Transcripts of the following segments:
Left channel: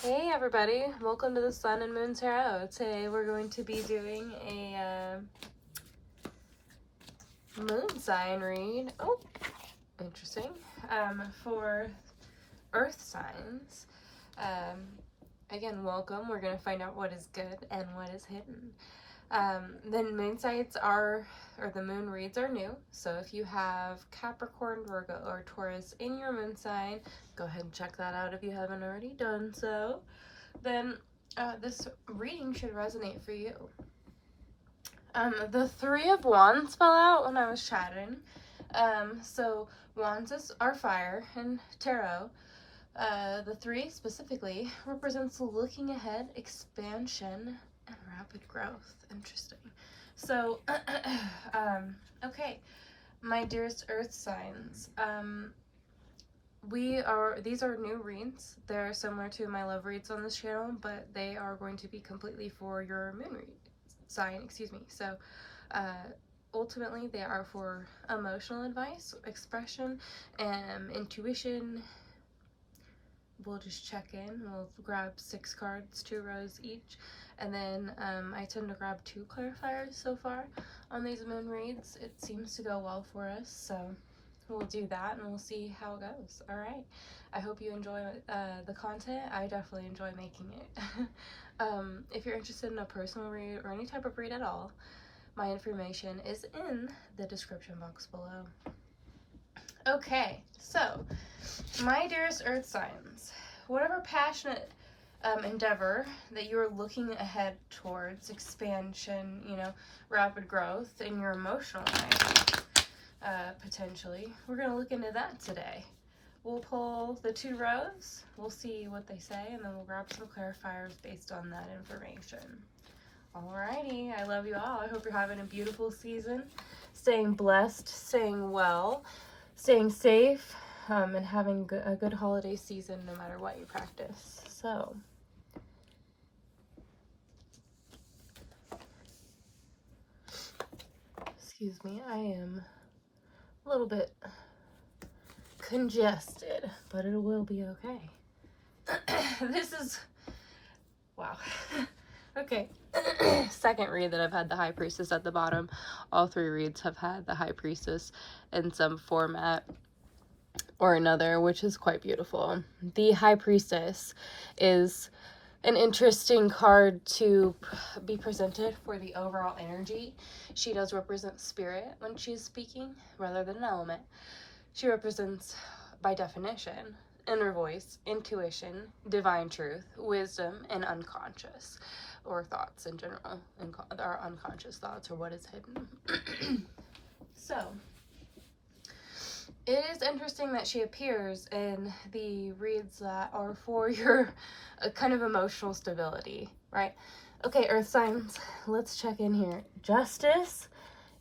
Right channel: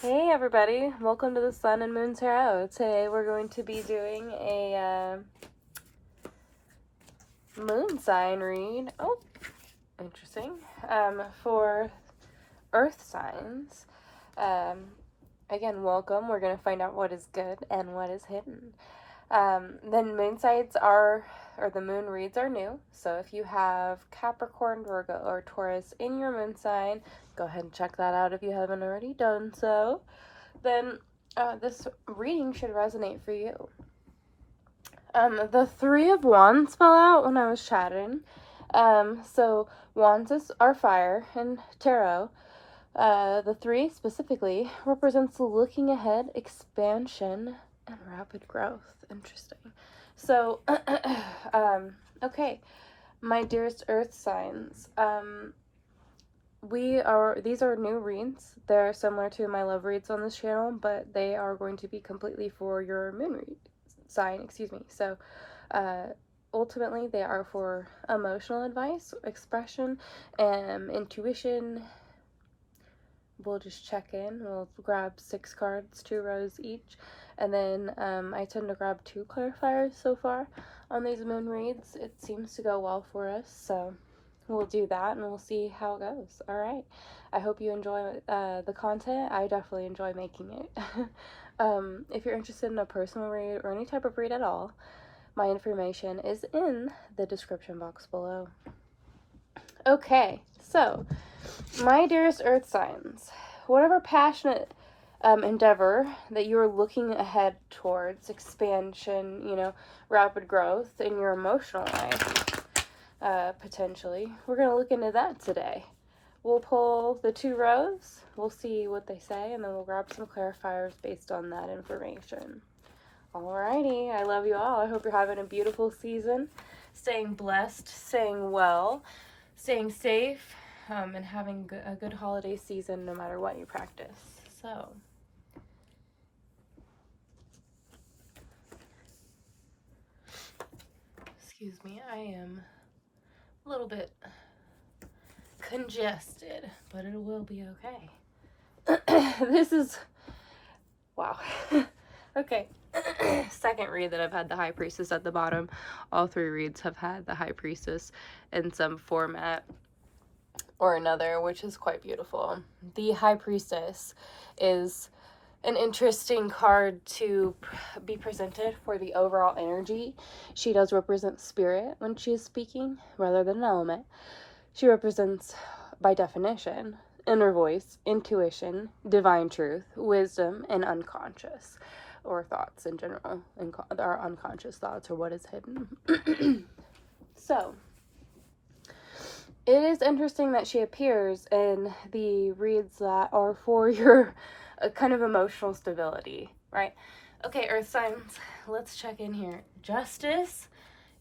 Hey everybody, welcome to the Sun and Moon Tarot. Today we're going to be doing a moon sign read. Oh, interesting. For earth signs. Again, welcome. We're going to find out what is good and what is hidden. Then moon signs or the moon reads are new. So if you have Capricorn, Virgo, or Taurus in your moon sign, go ahead and check that out if you haven't already done so. Then this reading should resonate for you. The Three of Wands fell out when I was chatting. So wands are fire in tarot. The three specifically represents looking ahead, expansion, and rapid growth. Interesting. So, okay, my dearest earth signs. These are new reads. They're similar to my love reads on this channel, but they are going to be completely for your moon sign, So, ultimately they are for emotional advice, expression, and intuition. We'll just check in. We'll grab 6 cards, 2 rows each, and then I tend to grab 2 clarifiers so far on these moon reads. It seems to go well for us, so we'll do that and we'll see how it goes. All right. I hope you enjoy the content. I definitely enjoy making it. If you're interested in a personal read or any type of read at all, my information is in the description box below. Okay, so my dearest earth signs, whatever passionate endeavor that you're looking ahead towards, expansion, rapid growth in your emotional life, potentially, we're going to look into that today. We'll pull the 2 rows, we'll see what they say, and then we'll grab some clarifiers based on that information. Alrighty, I love you all. I hope you're having a beautiful season, staying blessed, staying well, staying safe, and having a good holiday season no matter what you practice. So, excuse me, I am a little bit congested, but it will be okay. This is, wow. Okay, second read that I've had the High Priestess at the bottom. All 3 reads have had the High Priestess in some format or another, which is quite beautiful. The High Priestess is an interesting card to be presented for the overall energy. She does represent spirit when she is speaking rather than an element. She represents, by definition, inner voice, intuition, divine truth, wisdom, and unconscious, or thoughts in general, our unconscious thoughts, or what is hidden. So, it is interesting that she appears in the reads that are for your kind of emotional stability, right? Okay, earth signs, let's check in here. Justice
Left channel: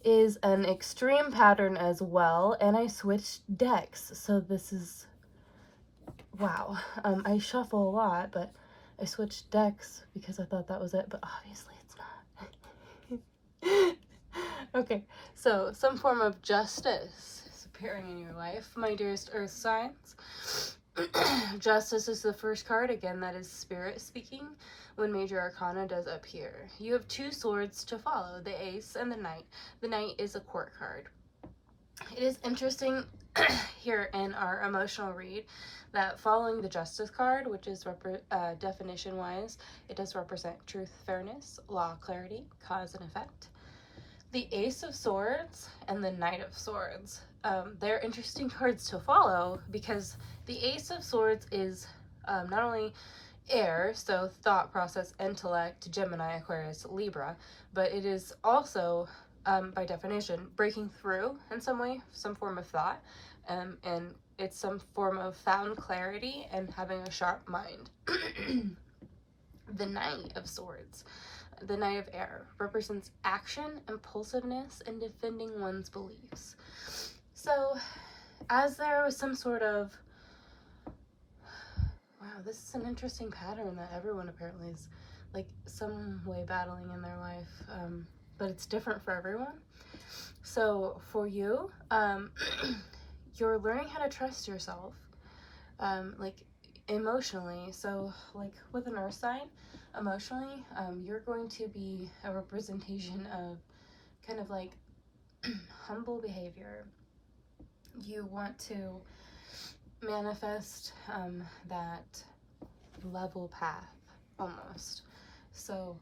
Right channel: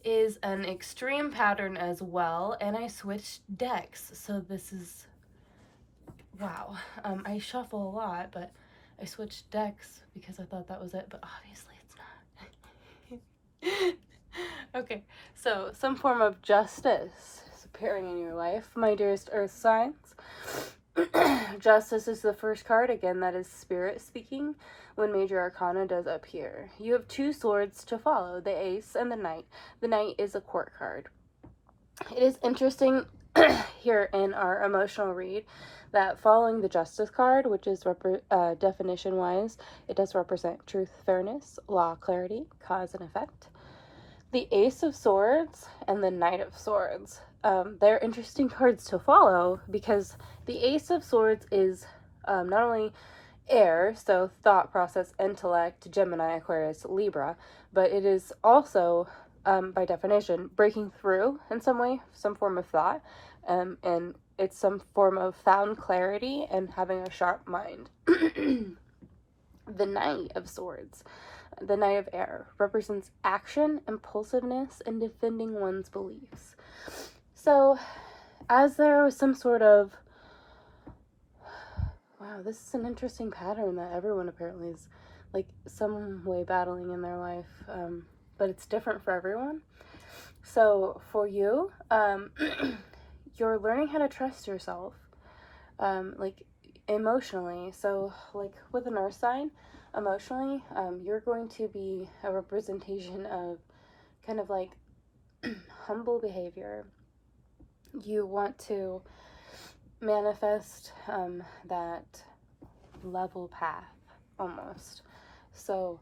is an extreme pattern as well, and I switched decks, so this is, wow. I shuffle a lot, but I switched decks because I thought that was it, but obviously it's not. Okay, so some form of justice is appearing in your life, my dearest earth signs. Justice is the first card, again, that is spirit speaking when major arcana does appear. You have 2 swords to follow, the ace and the knight. The knight is a court card. It is interesting here in our emotional read that following the justice card, which is definition wise, it does represent truth, fairness, law, clarity, cause and effect. The Ace of Swords and the Knight of Swords. They're interesting cards to follow because the Ace of Swords is not only air, so thought process, intellect, Gemini, Aquarius, Libra, but it is also, by definition, breaking through in some way, some form of thought, and it's some form of found clarity and having a sharp mind. The Knight of Swords, the Knight of Air, represents action, impulsiveness, and defending one's beliefs. So, as there was some sort of, wow, this is an interesting pattern that everyone apparently is, like, some way battling in their life, but it's different for everyone. So, for you, you're learning how to trust yourself. Like, emotionally, so like with an earth sign, emotionally, you're going to be a representation of kind of like humble behavior. You want to manifest that level path almost. So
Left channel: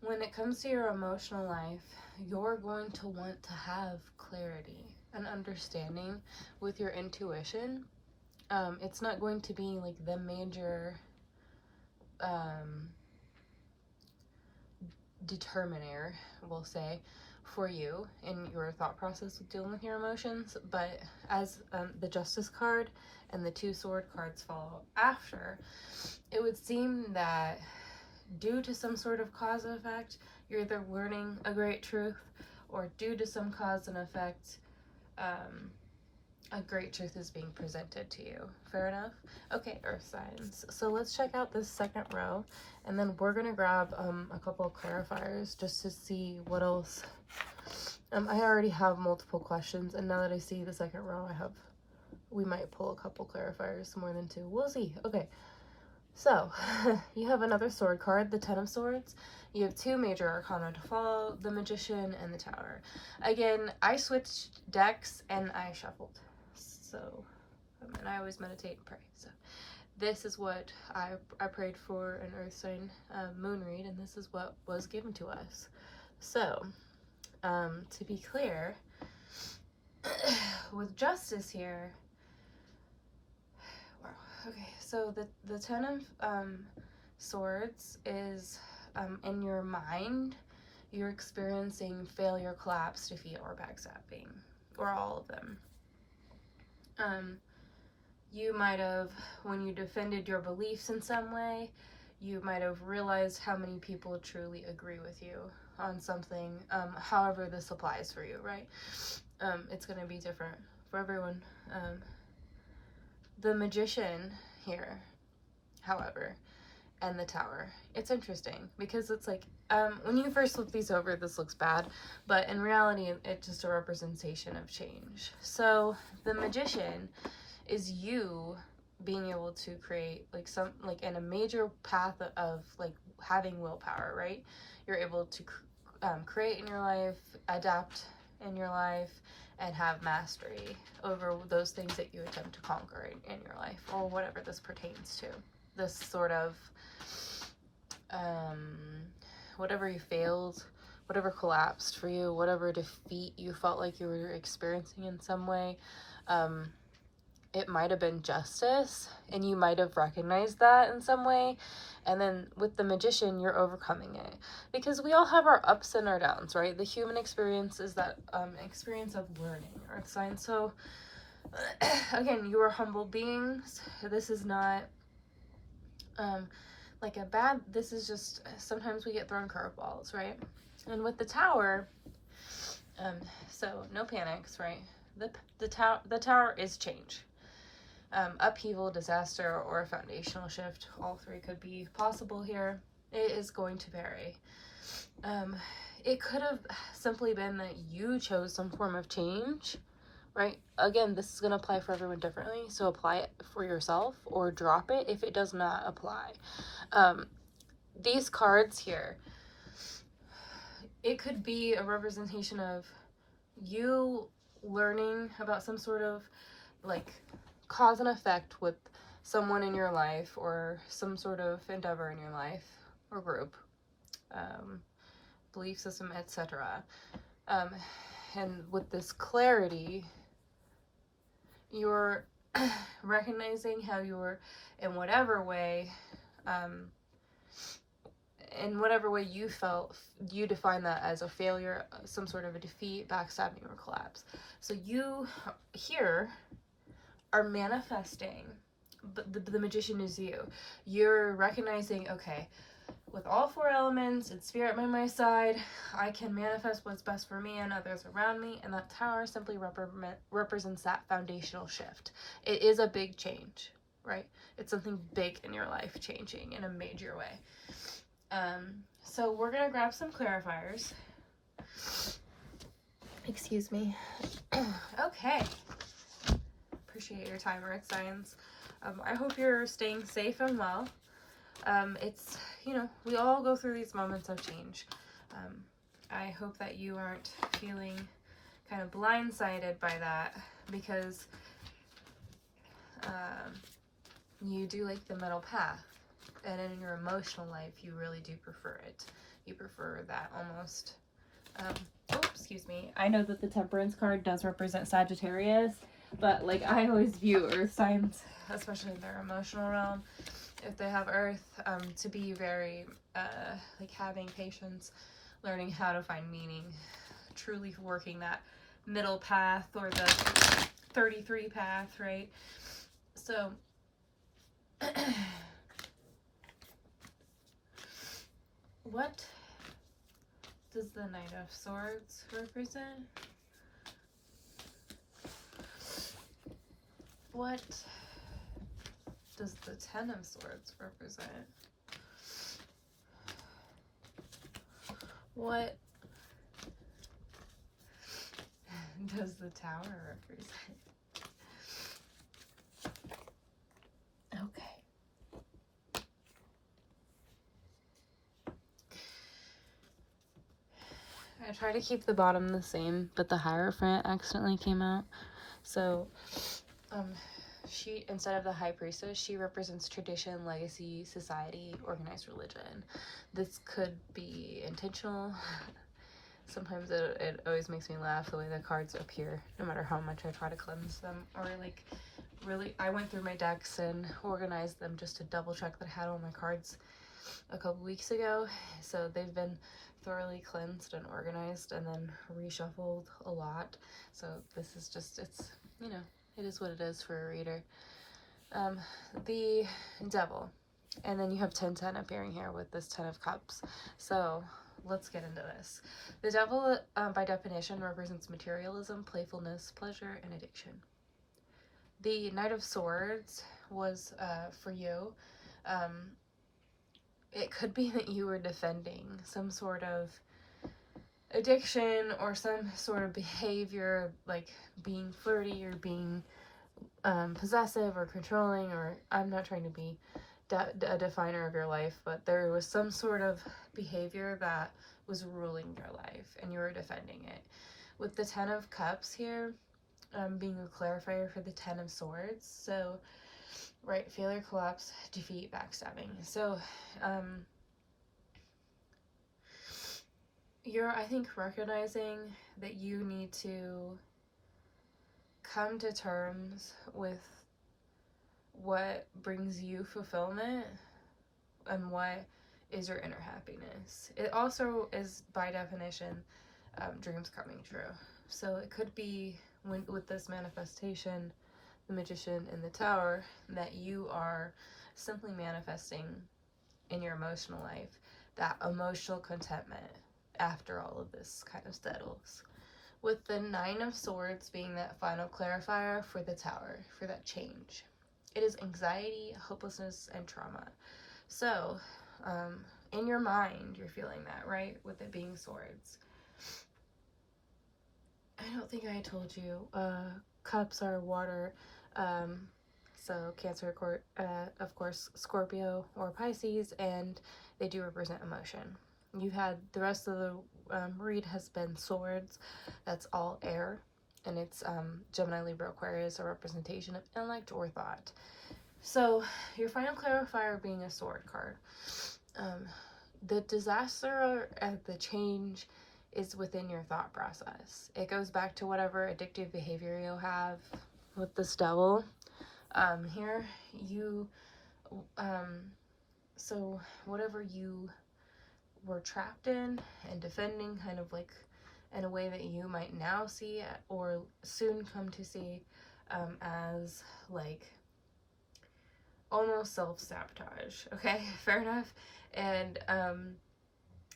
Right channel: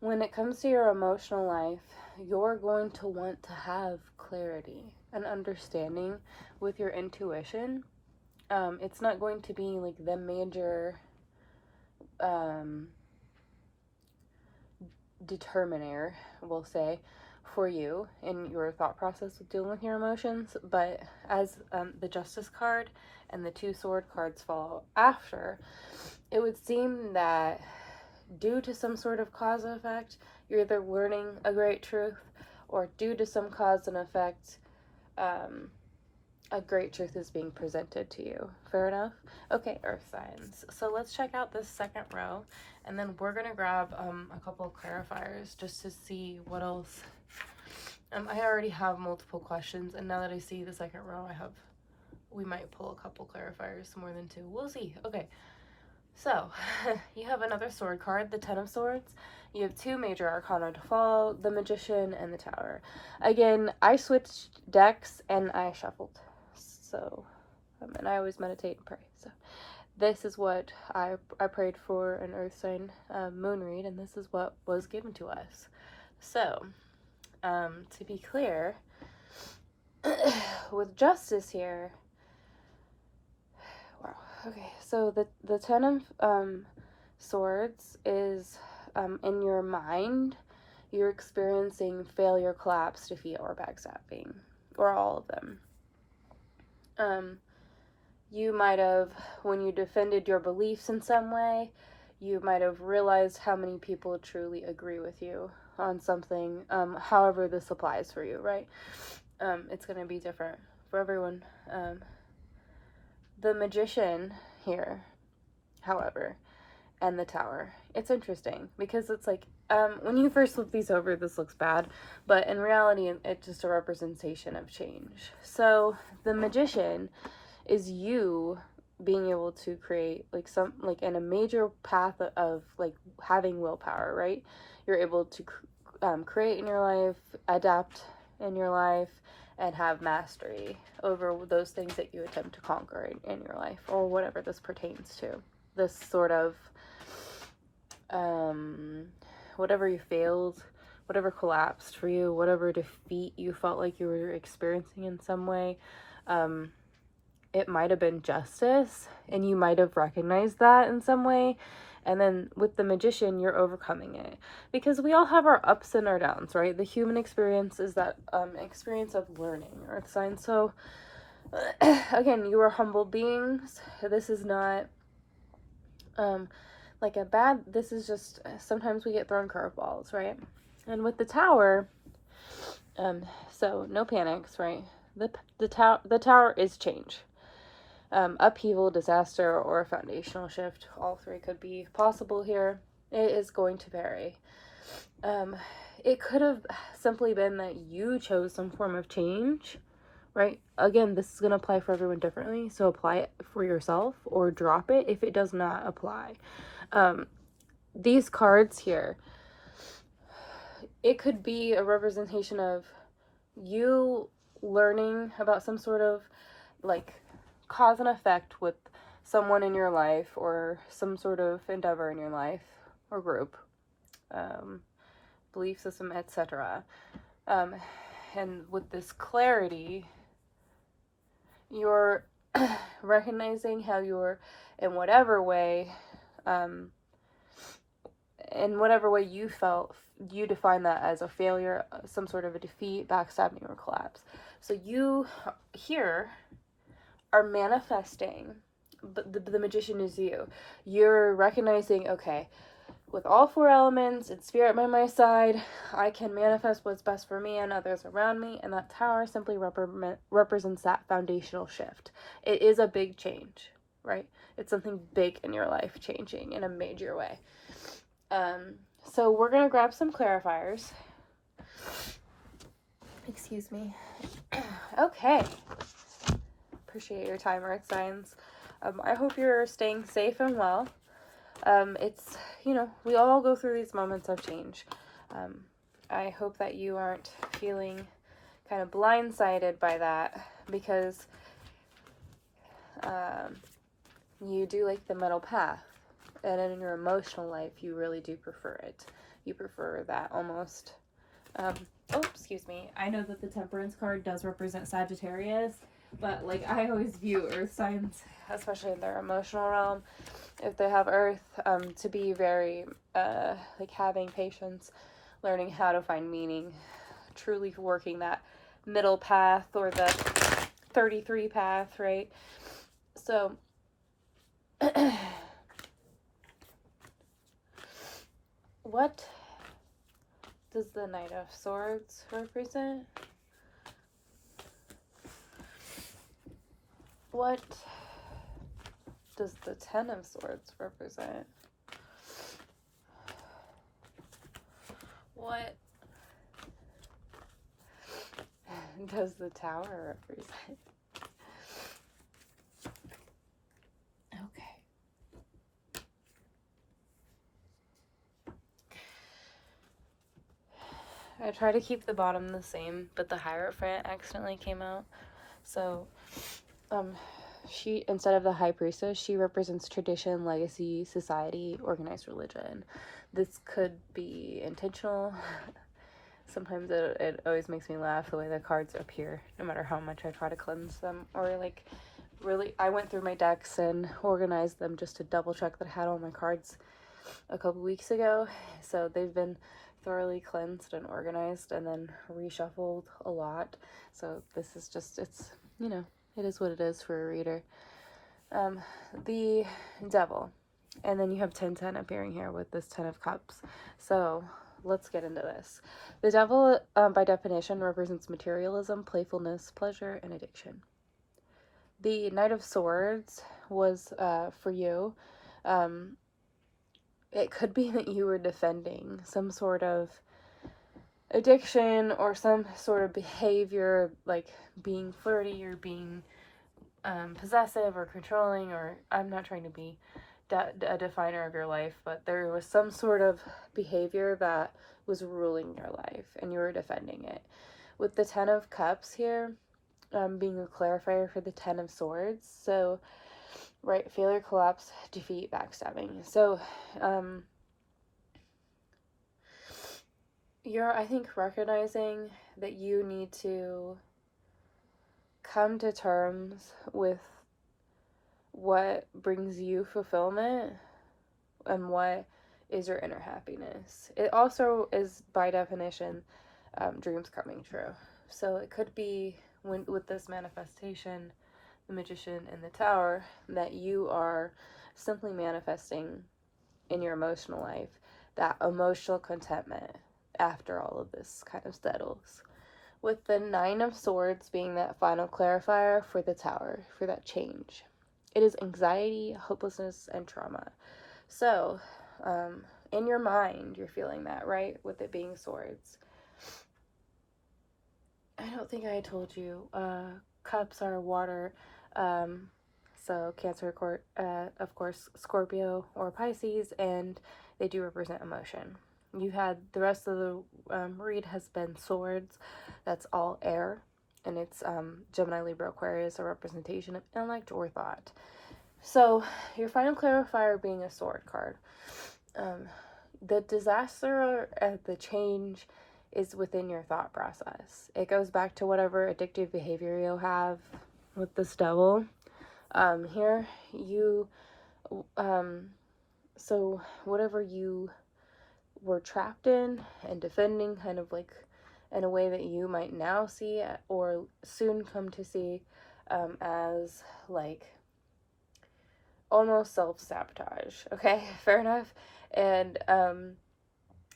when it comes to your emotional life, you're going to want to have clarity and understanding with your intuition. It's not going to be like the major determiner, we'll say, for you in your thought process with dealing with your emotions, but as the Justice card and the two sword cards follow after, it would seem that due to some sort of cause and effect, you're either learning a great truth, or due to some cause and effect, a great truth is being presented to you. Fair enough? Okay, earth signs. So let's check out this second row, and then we're gonna grab a couple of clarifiers just to see what else. I already have multiple questions, and now that I see the second row, we might pull a couple clarifiers, more than two. We'll see. Okay, so you have another sword card, the Ten of Swords. You have two major arcana to follow, the Magician and the Tower. Again, I switched decks and I shuffled. So, and I always meditate and pray. So this is what I prayed for an earth sign moon read, and this is what was given to us. So, to be clear, with Justice here, wow, okay, so the Ten of Swords is in your mind, you're experiencing failure, collapse, defeat, or backstabbing, or all of them. You might have, when you defended your beliefs in some way, you might have realized how many people truly agree with you on something, however this applies for you, right? It's going to be different for everyone. The Magician here, however, and the Tower, it's interesting because it's like, when you first look these over, this looks bad, but in reality, it's just a representation of change. So the Magician is you being able to create like in a major path of like having willpower, right? You're able to create in your life, adapt in your life, and have mastery over those things that you attempt to conquer in your life, or whatever this pertains to. This sort of whatever you failed, whatever collapsed for you, whatever defeat you felt like you were experiencing in some way, it might have been justice, and you might have recognized that in some way. And then with the Magician, you're overcoming it, because we all have our ups and our downs, right? The human experience is that experience of learning, earth sign. So again, you are humble beings. This is not like a bad, this is just, sometimes we get thrown curveballs, right? And with the Tower, so no panics, right? The Tower is change. Upheaval, disaster, or a foundational shift. All three could be possible here. It is going to vary. It could have simply been that you chose some form of change, right? Again, this is going to apply for everyone differently, so apply it for yourself or drop it if it does not apply. These cards here, it could be a representation of you learning about some sort of like cause and effect with someone in your life, or some sort of endeavor in your life or group, belief system, etc. And with this clarity, you're recognizing how you're, in whatever way you felt, you define that as a failure, some sort of a defeat, backstabbing, or collapse. So you here are manifesting, but the Magician is you. You're recognizing, okay, with all four elements and spirit by my side, I can manifest what's best for me and others around me, and that Tower simply represents that foundational shift. It is a big change, right? It's something big in your life changing in a major way. So we're gonna grab some clarifiers. Excuse me. Okay. Appreciate your time, earth signs. I hope you're staying safe and well. It's, you know, we all go through these moments of change. I hope that you aren't feeling kind of blindsided by that, because you do like the middle path, and in your emotional life you really do prefer it. You prefer that almost oh, excuse me, I know that the Temperance card does represent Sagittarius, but like I always view earth signs, especially in their emotional realm, if they have earth, to be very like having patience, learning how to find meaning, truly working that middle path, or the 33 path, right? So what does the Knight of Swords represent? What does the Ten of Swords represent? What does the Tower represent? Okay. I try to keep the bottom the same, but the Hierophant accidentally came out. So, she, instead of the High Priestess, she represents tradition, legacy, society, organized religion. This could be intentional. Sometimes it always makes me laugh the way the cards appear, no matter how much I try to cleanse them. Or like, really, I went through my decks and organized them just to double check that I had all my cards a couple weeks ago. So they've been thoroughly cleansed and organized, and then reshuffled a lot. So this is just, it's, you know, it is what it is for a reader. The Devil, and then you have 10-10 appearing here with this 10 of Cups. So let's get into this. The Devil, by definition, represents materialism, playfulness, pleasure, and addiction. The Knight of Swords was, for you, it could be that you were defending some sort of addiction or some sort of behavior, like being flirty or being possessive or controlling, or I'm not trying to be a definer of your life, but there was some sort of behavior that was ruling your life and you were defending it. With the 10 of Cups here, being a clarifier for the 10 of Swords, so right, failure, collapse, defeat, backstabbing. So you're, I think, recognizing that you need to come to terms with what brings you fulfillment and what is your inner happiness. It also is, by definition, dreams coming true. So it could be, with this manifestation, the Magician and the Tower, that you are simply manifesting in your emotional life that emotional contentment after all of this kind of settles. With the 9 of Swords being that final clarifier for the Tower, for that change. It is anxiety, hopelessness, and trauma. So, in your mind, you're feeling that, right? With it being swords. I don't think I told you. Cups are water. So Cancer, of course, Scorpio or Pisces, and they do represent emotion. You had the rest of the read has been swords. That's all air, and it's Gemini, Libra, Aquarius, a representation of intellect or thought. So your final clarifier being a sword card. The disaster and the change is within your thought process. It goes back to whatever addictive behavior you have with this Devil. Here you, so whatever you were trapped in and defending, kind of like in a way that you might now see or soon come to see as like almost self-sabotage. Okay, fair enough. And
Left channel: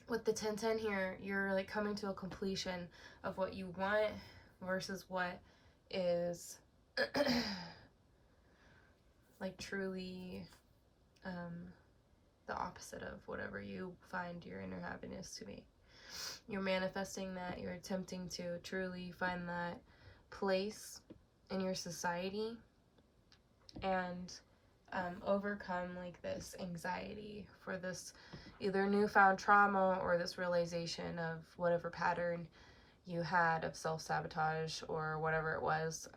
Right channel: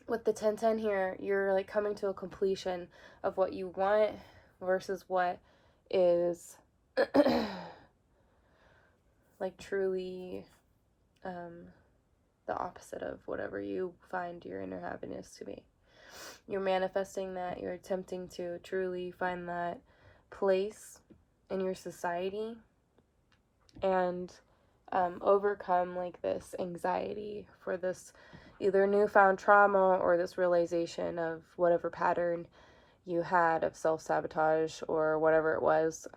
with the 10-10 here, you're like coming to a completion of what you want versus what is like truly the opposite of whatever you find your inner happiness to be. You're manifesting that, you're attempting to truly find that place in your society, and overcome like this anxiety for this either newfound trauma or this realization of whatever pattern you had of self-sabotage or whatever it was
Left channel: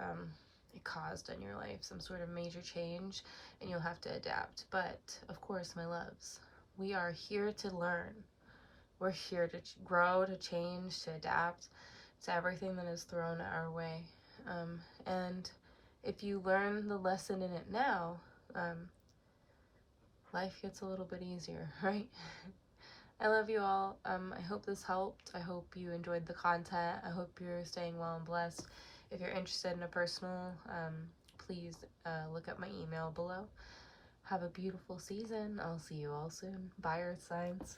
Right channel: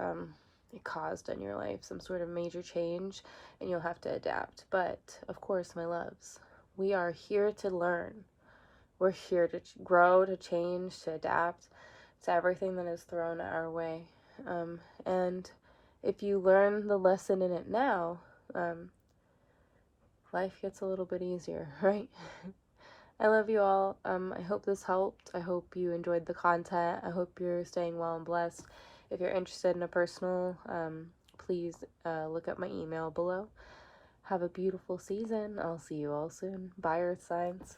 it caused in your life, some sort of major change, and you'll have to adapt. But of course, my loves, we are here to learn. We're here to grow, to change, to adapt to everything that is thrown our way. And if you learn the lesson in it now, life gets a little bit easier, right? I love you all. I hope this helped. I hope you enjoyed the content. I hope you're staying well and blessed. If you're interested in a personal, please look up my email below. Have a beautiful season. I'll see you all soon. Bye, Earth signs.